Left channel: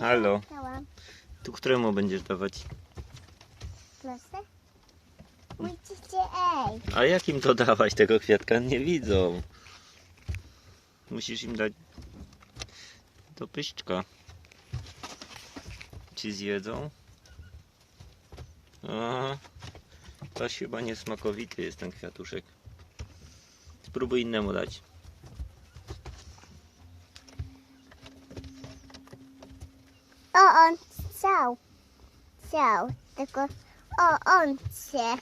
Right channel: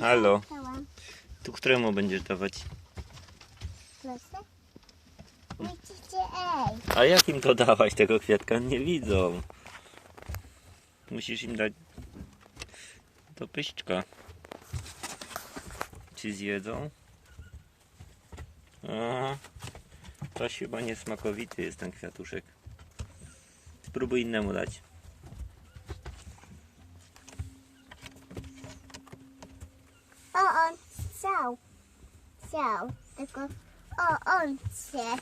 Halo. Tu któremu będziesz dawać? Proszę? Musicie, ej. A jakim to dawać tego kwiatka? Nie widzą. Musisz im dać do pyszczka. Ci zjedzą? A, toś chyba niesmakowity jest ten kwiatuszek. Spróbuj innemu dać. O, on chciał. Chciał. Tylko, o, on chce.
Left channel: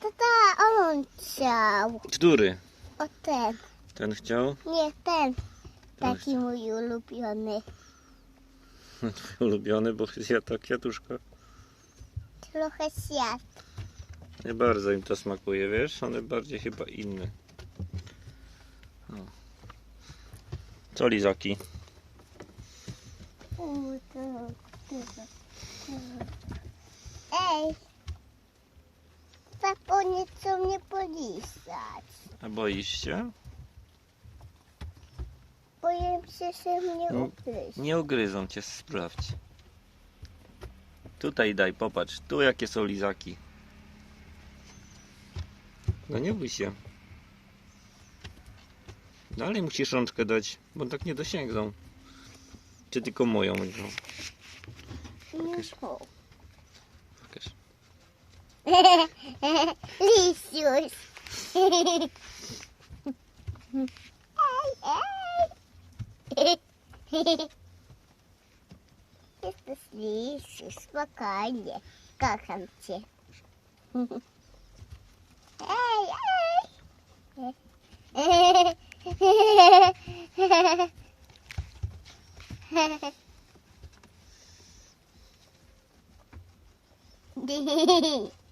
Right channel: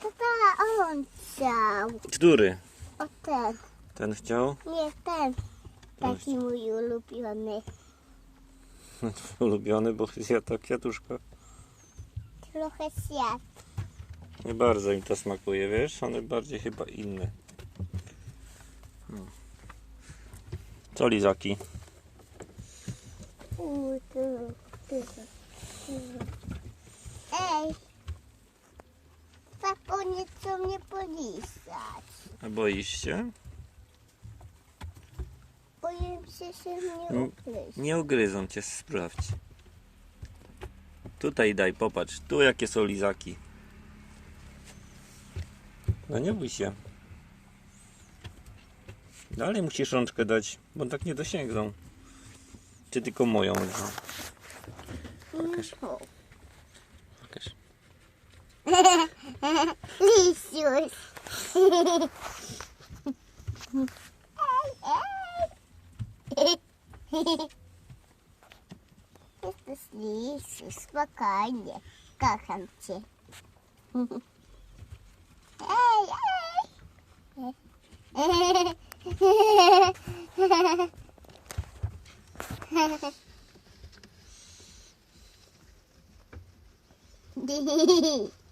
Tata, on chciał. Który? O ten. Ten chciał? Nie ten. Taki mój ulubiony. Ulubiony, bo zjadł to kwiatuszka. Trochę świat. Nie bardzo im to smakuje, wiesz? One bardziej chyba inne. Co lizaki? Ej. Papo nie chcą mnie polizać. A boisz się? Boję się, że mnie ugryźć. Nie ugryzą cię, sprawdź. Tutaj daj, popatrz. Tu jakie są lizaki. No nie bój się. Dalej musisz rączkę dać, bo tak nie dosięgną. Czy tylko moją? No, Pokaż. Pokaż. Lisiuś. Ej, ej. Jesteś lisiu, spokojnie. Kocham cię. Ej, ej.